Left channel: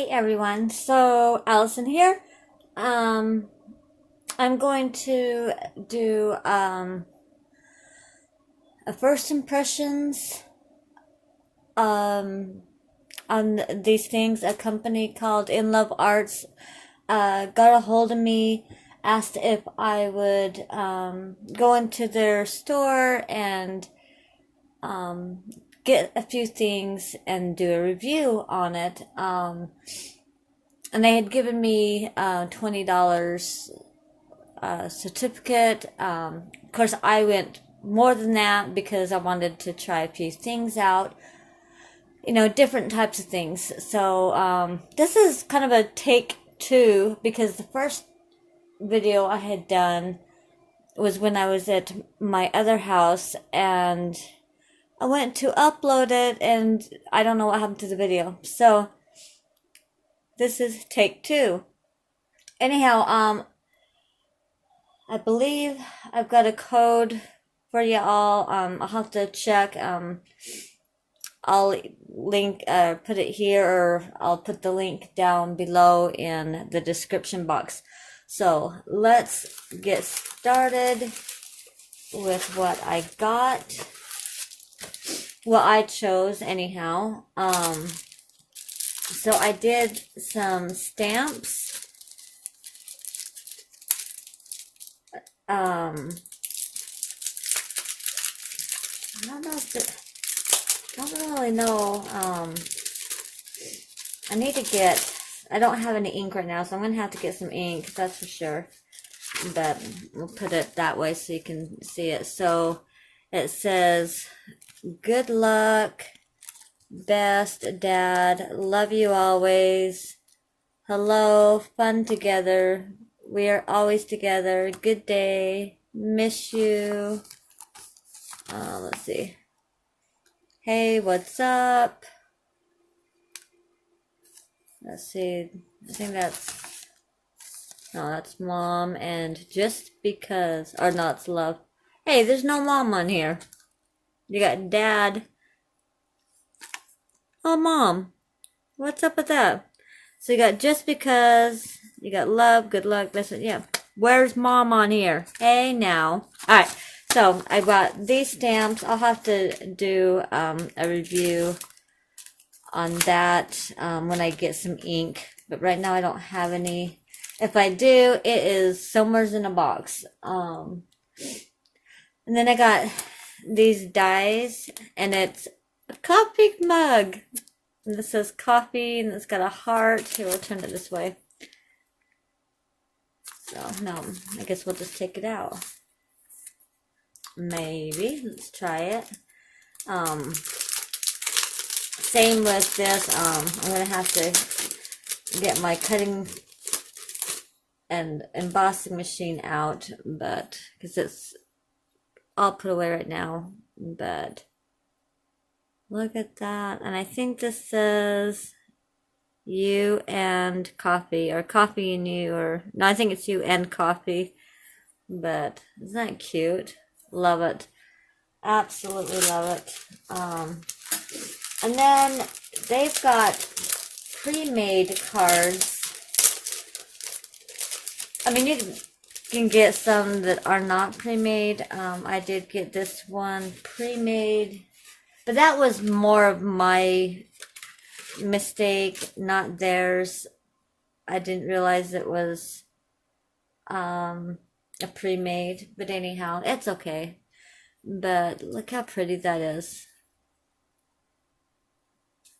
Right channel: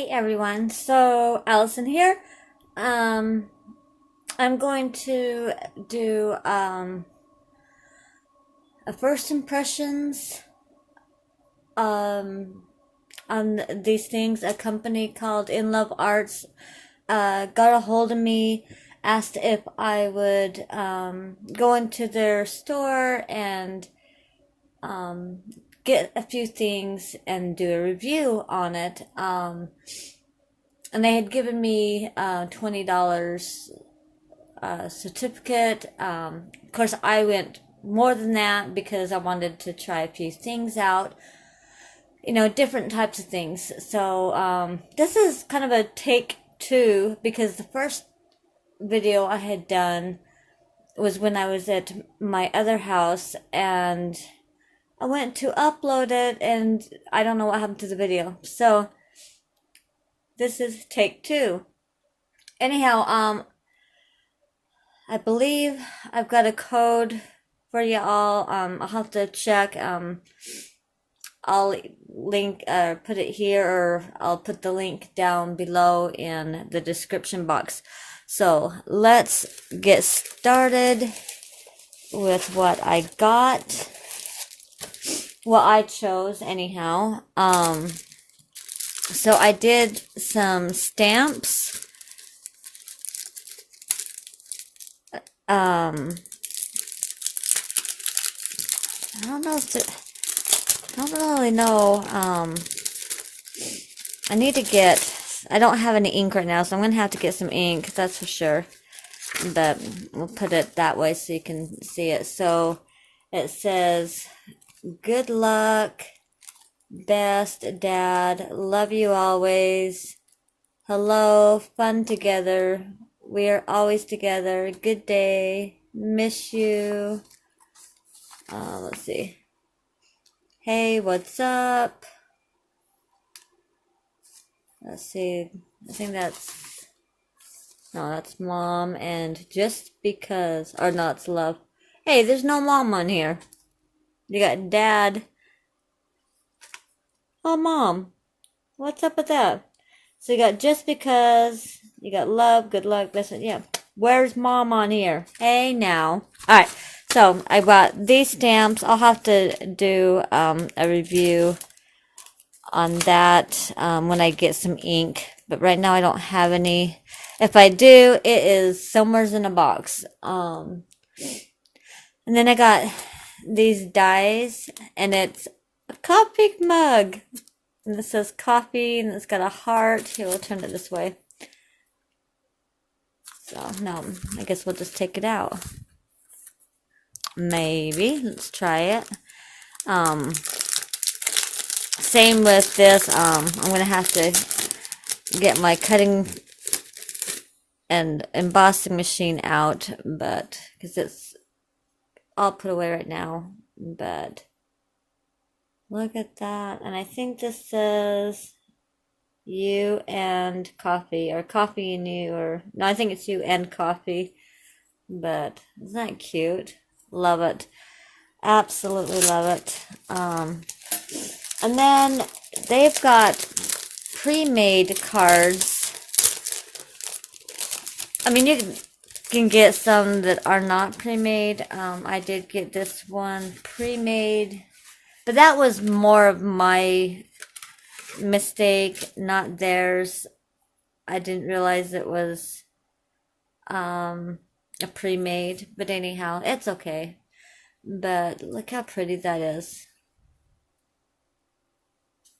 Hey everyone, so Allison here. I'm going to do a first impressions on these things. A company called InLoveArts got a hold of me, asked if I would go into their store and get a few things and do a review on it. And they had given me $20 certificate. Of course, I went more than that because I wanted to try a few things out, different types of things. So this is kind of a take two because the first video I had done was when I was at my other house, and I went to upload it and I don't know what happened to the video. So this is take two. Anyhow, I believe I've got a code for y'all. I'll have to check. I'll link, put it here, or I'll put the link down below in the description box. So let's get started with what I got. What I chose, anyhow. So I did some stamps. I don't know if it, I don't really know. I need to get, I don't have any ink right now, so I'm going to have to get some ink, that's for sure. But we'll put it that way so you can see it. So it says, good luck, best dad, love you always, hello, fun together, we are always together, good day, miss you. Let's see. Hey, what's up? Let's see. I think that's, no, that's mom. And just because, or no, it's love. Hey, there's no mom on here. You got dad. Oh, mom. What's up with that? So you got just because, you got love, good luck, best, yeah. Where's mom on here? Hey, now. All right. So I bought these stamps. I'll have to do a review on that when I get some ink. But right now I don't have any. If I do, it is somewhere in a box. And then I got these dies, and it's a coffee mug. And this says coffee, and it's got a heart. Here, we'll turn it this way. So, no, I guess we'll just take it out. Maybe. Let's try it. Same with this. I'm going to have to get my cutting and embossing machine out, but because it's all put away right now. But look at that. And I think this says you and coffee, or coffee and you, or no, I think it's you and coffee. But isn't that cute? Love it. Absolutely love it. And then they've got pre-made cards. I mean, you can get some that are not pre-made. I did get this one pre-made, but that was more of my mistake, not theirs. I didn't realize it was a pre-made, but anyhow, it's okay. But look how pretty that is.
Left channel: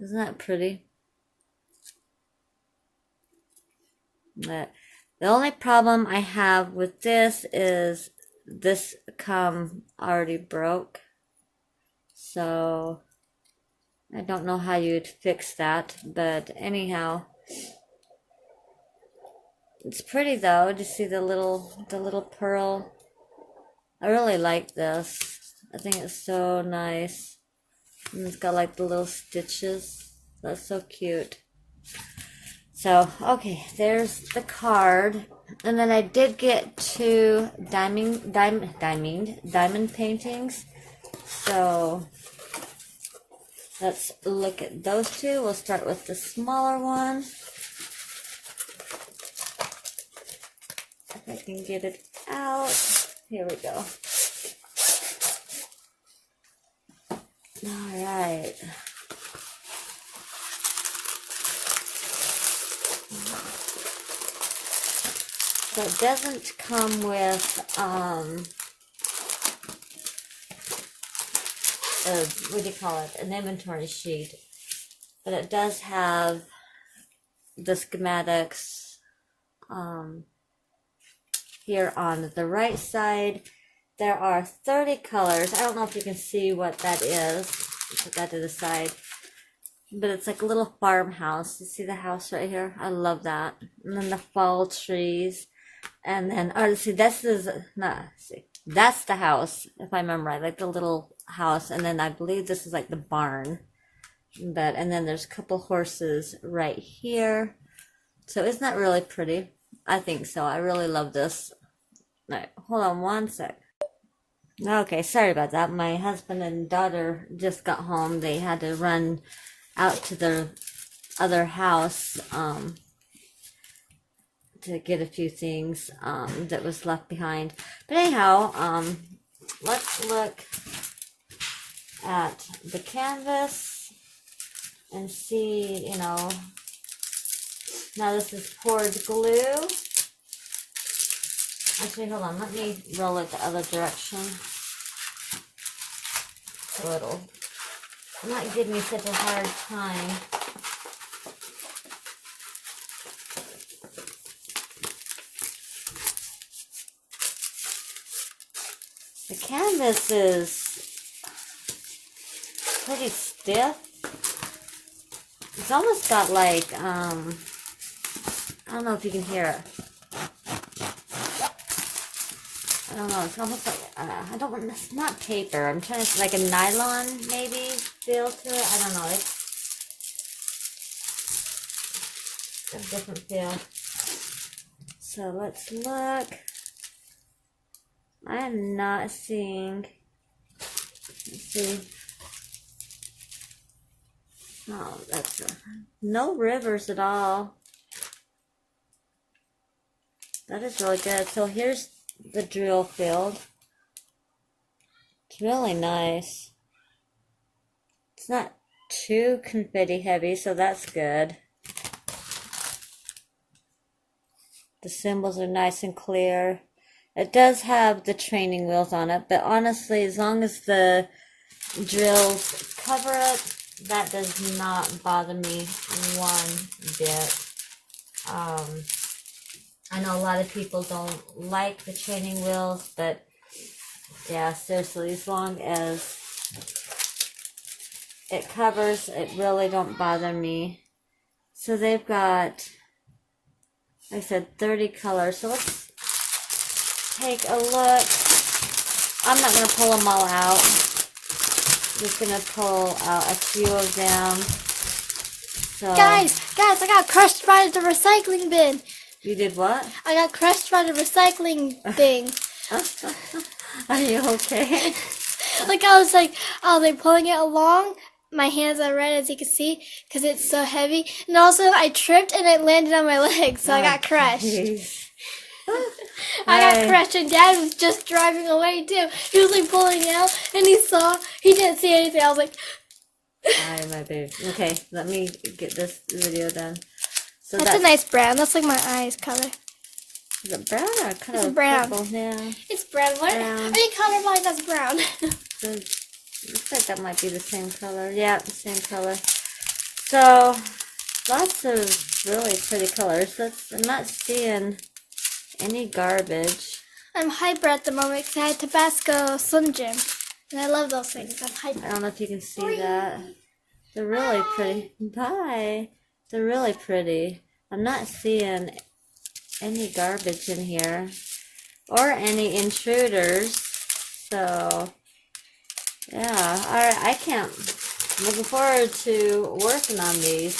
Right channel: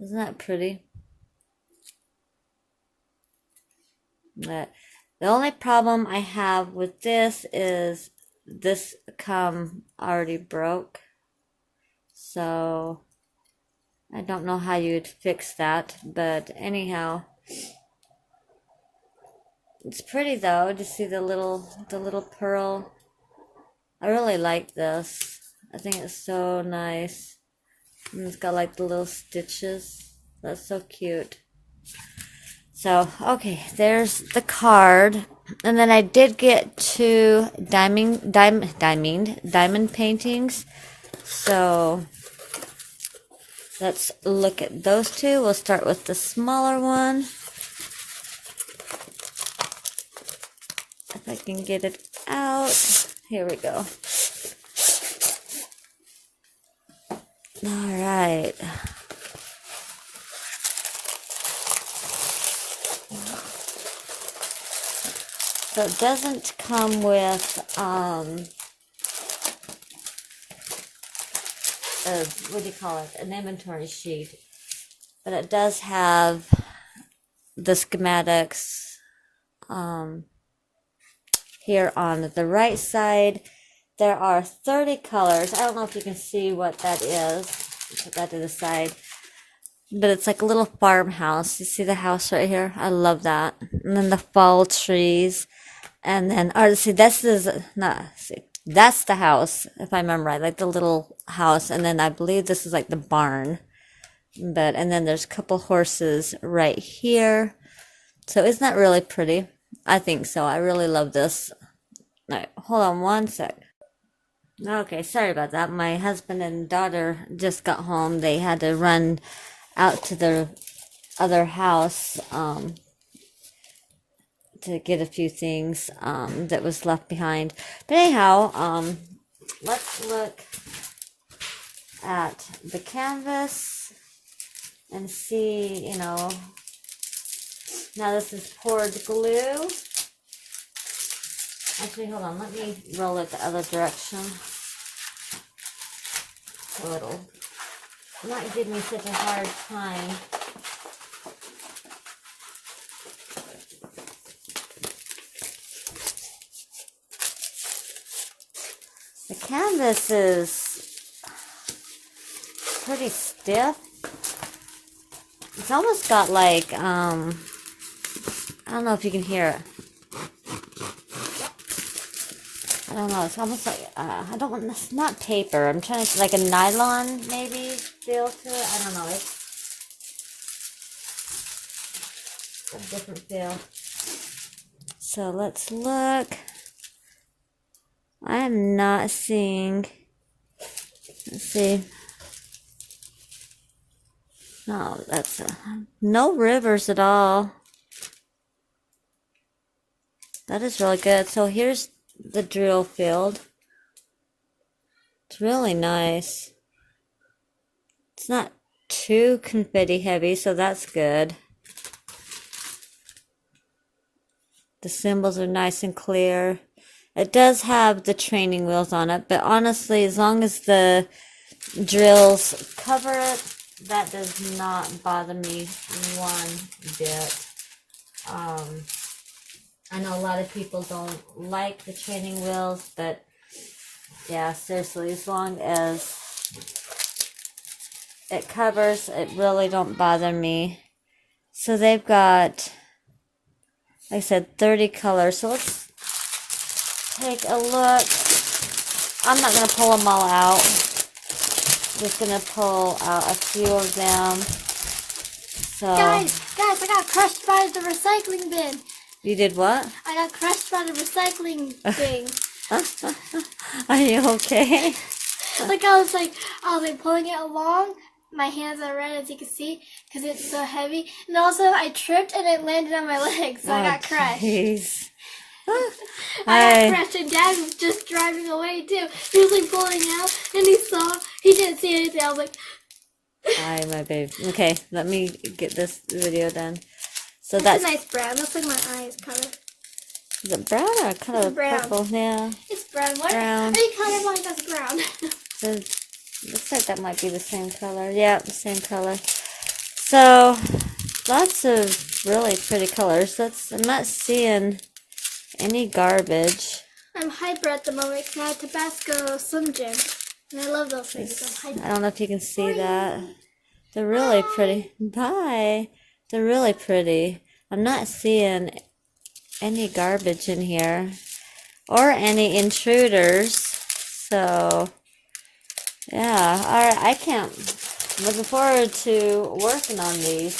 Isn't that pretty? But the only problem I have with this is this already broke. So I don't know how you'd fix that, but anyhow, it's pretty though. To see the little pearl. I really like this. I think it's so nice. And it's got like the little stitches. That's so cute. So, okay, there's the card. And then I did get two diamond paintings. So let's look at those two. We'll start with the smaller one. if I can get it out. Here we go. All right. So it doesn't come with what do you call it? An inventory sheet, but it does have the schematics here on the right side. There are 30 colors. I don't know if you can see what that is. Put that to the side. But it's like a little farmhouse. You see the house right here? I love that. And then the fall trees. And then, or see, that's the house, if I remember right, like the little house. And then I believe this is like the barn. And then there's a couple horses right here. So isn't that really pretty? I think so. I really love this. All right, hold on one sec. Okay, sorry about that. My husband and daughter just got home. They had to run out to their other house to get a few things that was left behind. But anyhow, let's look at the canvas and see, you know, now this is poured glue. Actually, hold on, let me roll it the other direction. So it'll not give me such a hard time. The canvas is pretty stiff. It's almost got like, I don't know if you can hear it. I don't know, it's almost like, I don't want, it's not paper. I'm trying to, like a nylon maybe feel to it. I don't know, it's a different feel. So let's look. I'm not seeing, let's see. No, that's no rivers at all. That is really good. So here's the drill field. It's really nice. It's not too confetti heavy, so that's good. The symbols are nice and clear. It does have the training wheels on it, but honestly, as long as the drills cover it, that does not bother me one bit. I know a lot of people don't like the training wheels, but yeah, seriously, as long as it covers, it really don't bother me. So they've got, like I said, 30 colors. So let's take a look. I'm not going to pull them all out. Just going to pull out a few of them. So, guys, I got crushed by the recycling bin. You did what? I got crushed by the recycling thing. Are you okay? Like I was like pulling it along. My hands are red, as you can see, because it's so heavy. And also I tripped and it landed on my leg, so I got crushed. Geez. I got crushed, and Dad was just driving away too. He was like pulling out, and he didn't see anything. I was like, Hi, my babe. Okay, let me get this video done. So that's a nice brown. That's like my eyes color. Is it brown or kind of brown. purple? Yeah. It's brown. Brown. Any color line that's brown. So looks like that might be the same color. Yeah, the same color. So lots of really pretty colors. I'm not seeing any garbage. I'm hyper at the moment because I had Tabasco Slim Jim. And I love those things. I'm hyper. I don't know if you can see that. They're really pretty. Bye. They're really pretty. I'm not seeing any garbage in here or any intruders. So, yeah. All right. I can't. Looking forward to working on these.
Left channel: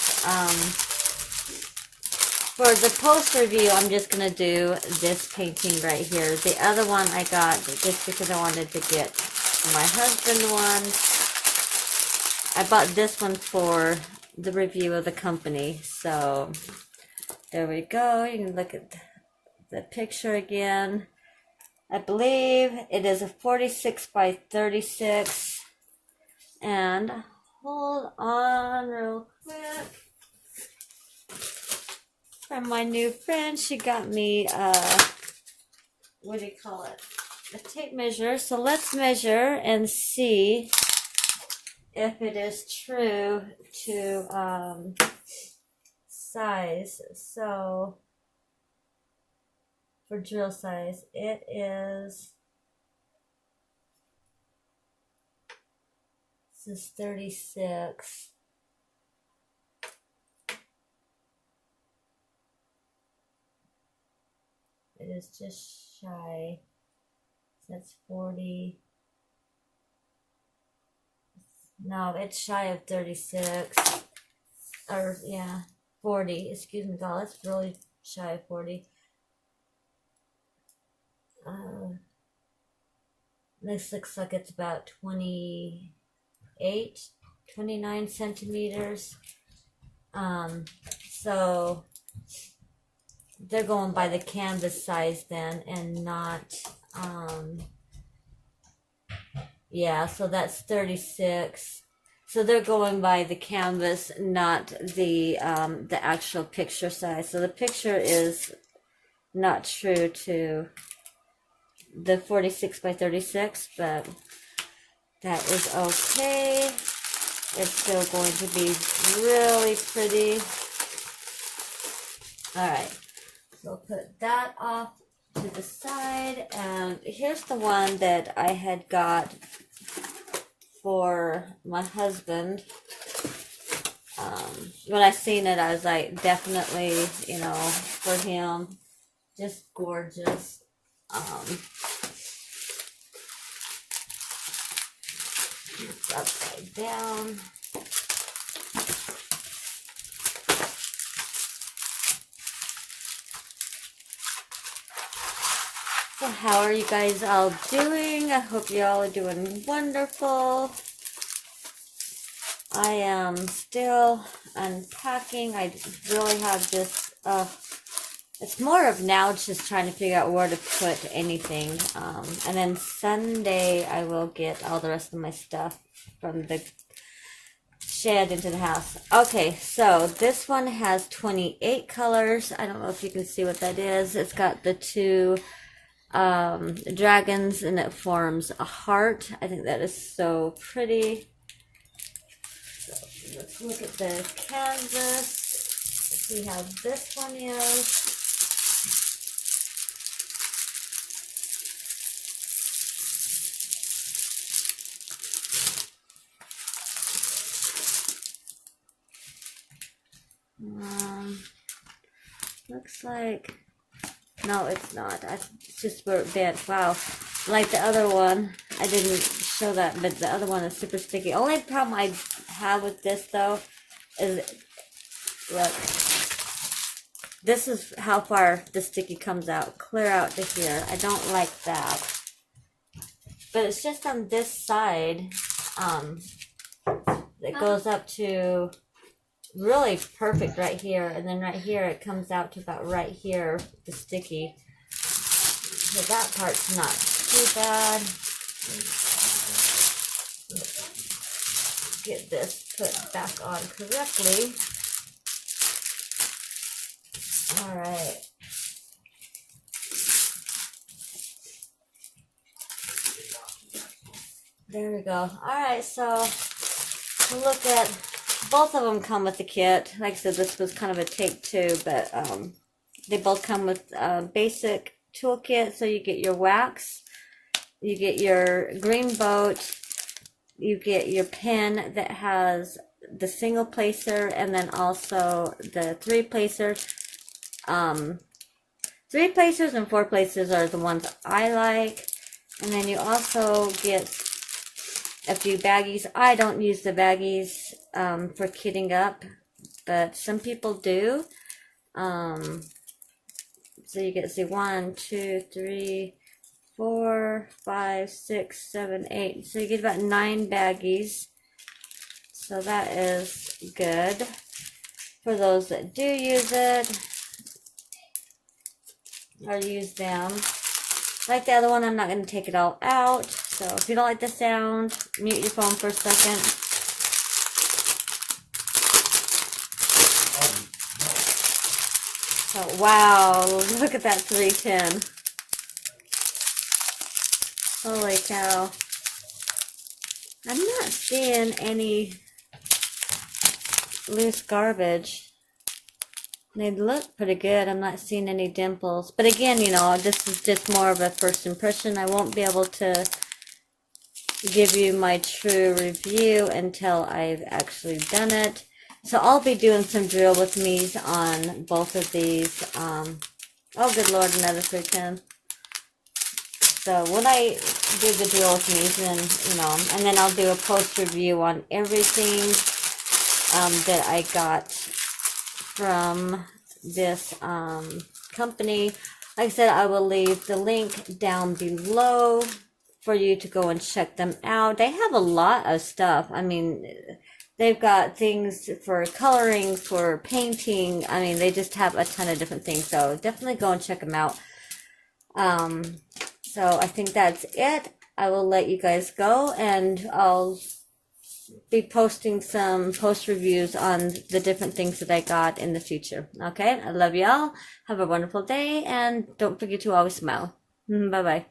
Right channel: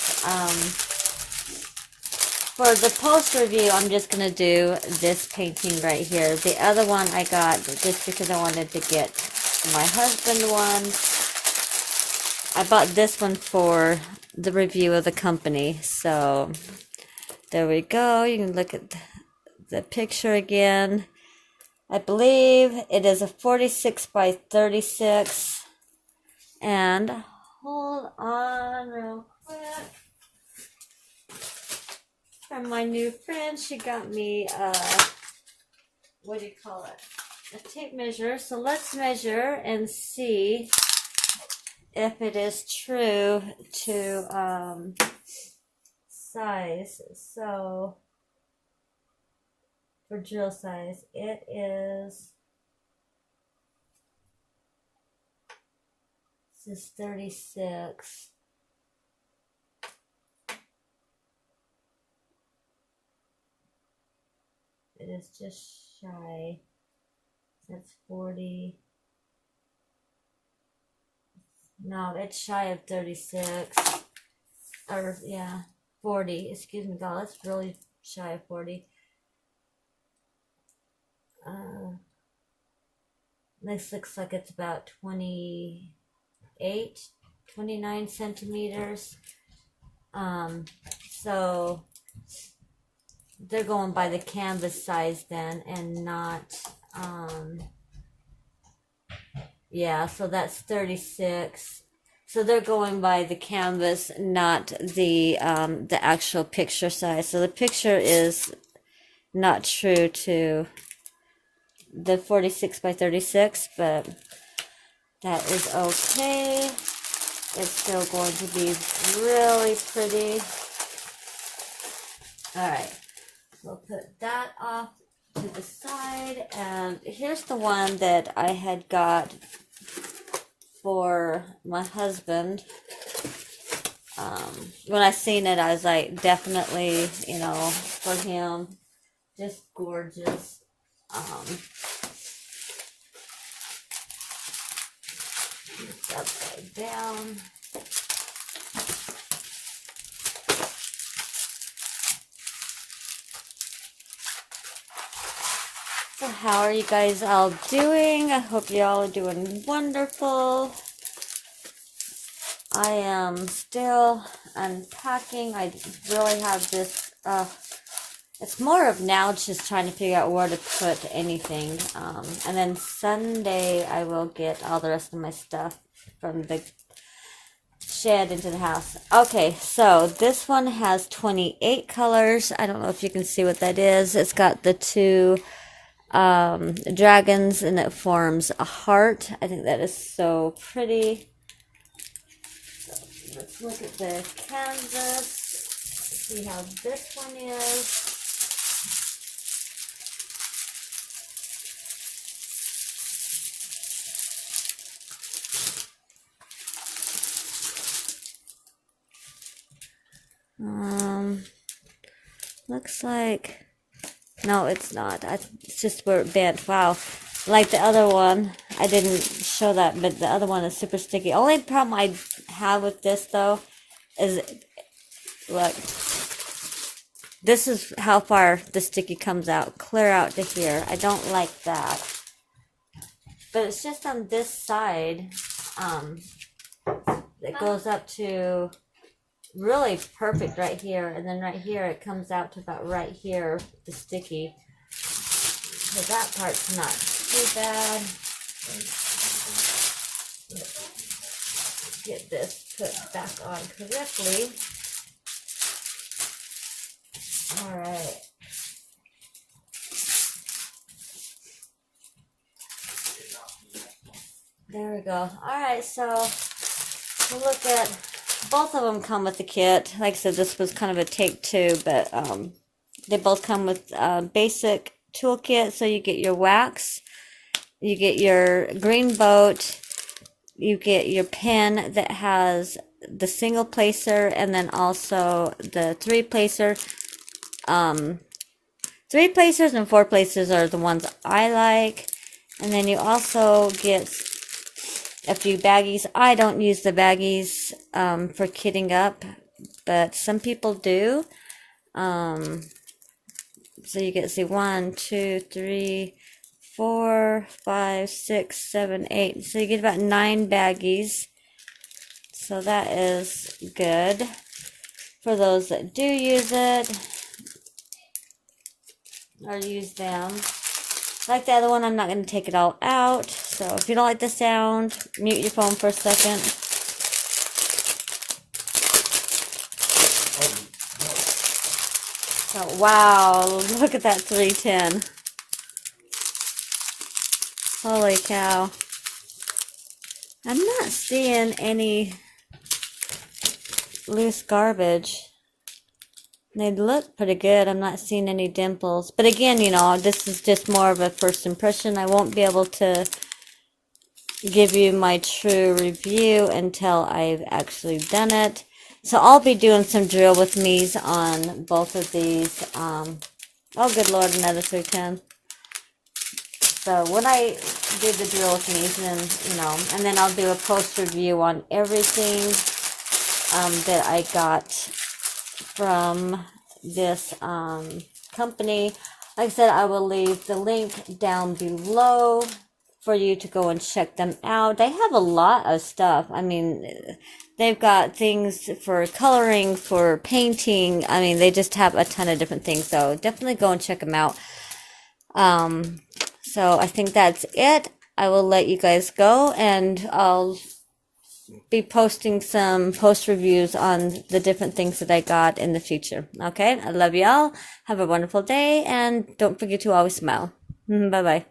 For the post review, I'm just going to do this painting right here. The other one I got just because I wanted to get my husband one. I bought this one for the review of the company. So there we go. You can look at the picture again. I believe it is a 46 by 36. And hold on real quick. From my new friend, she got me what do you call it? A tape measure. So let's measure and see if it is true to size. So for drill size, it is, this is 36. It is just shy. That's 40. No, it's shy of 36. Or, yeah, 40. Excuse me, God, that's really shy of 40. This looks like it's about 28, 29 centimeters. So they're going by the canvas size then, and not, yeah, so that's 36. So they're going by the canvas, not the actual picture size. So the picture is not true to the 46 by 36, but that is okay. It's still going to be really pretty. All right, so we'll put that off to the side, and here's the one that I had got for my husband. When I seen it, I was like, definitely, you know, for him, just gorgeous. It's upside down. So how are you guys all doing? I hope you all are doing wonderful. I am still unpacking. I really have this, it's more of now just trying to figure out where to put anything. And then Sunday I will get all the rest of my stuff from the shed into the house. Okay, so this one has 28 colors. I don't know if you can see what that is. It's got the two dragons, and it forms a heart. I think that is so pretty. So let's look at the canvas, see how this one is. Looks like, no, it's not. It's just where it bent. Wow. Like the other one, I didn't show that, but the other one is super sticky. Only problem I have with this, though, is, look, this is how far the sticky comes out. Clear out to here. I don't like that. But it's just on this side, it goes up to really perfect right here, and then right here it comes out to about right here, the sticky. So that part's not too bad. Get this put back on correctly. All right. There we go. All right, so look at, both of them come with the kit. Like I said, this was kind of a take two, but they both come with a basic toolkit. So you get your wax, you get your green boat, you get your pen that has the single placer, and then also the three placer. 3 placers and 4 placers are the ones I like. And then you also get a few baggies. I don't use the baggies for kitting up, but some people do. So you get, see, 1, 2, 3, 4, 5, 6, 7, 8. So you get about 9 baggies. So that is good for those that do use it. or use them. Like the other one, I'm not going to take it all out. So if you don't like the sound, mute your phone for a second. Oh, wow, look at that 310. Holy cow. I'm not seeing any loose garbage. They look pretty good. I'm not seeing any dimples. But again, you know, this is just more of a first impression. I won't be able to give you my true review until I've actually done it. So I'll be doing some drill with me's on both of these. Oh, good Lord, another 310. So when I do the drill with me's, then, you know, and then I'll do a post review on everything that I got from this company. Like I said, I will leave the link down below for you to go and check them out. They have a lot of stuff. I mean, they've got things for coloring, for painting. I mean, they just have a ton of different things. So definitely go and check them out. So I think that's it. I will let you guys go, and I'll be posting some post reviews on the different things that I got in the future. Okay, I love y'all. Have a wonderful day, and don't forget to always smile. Bye bye.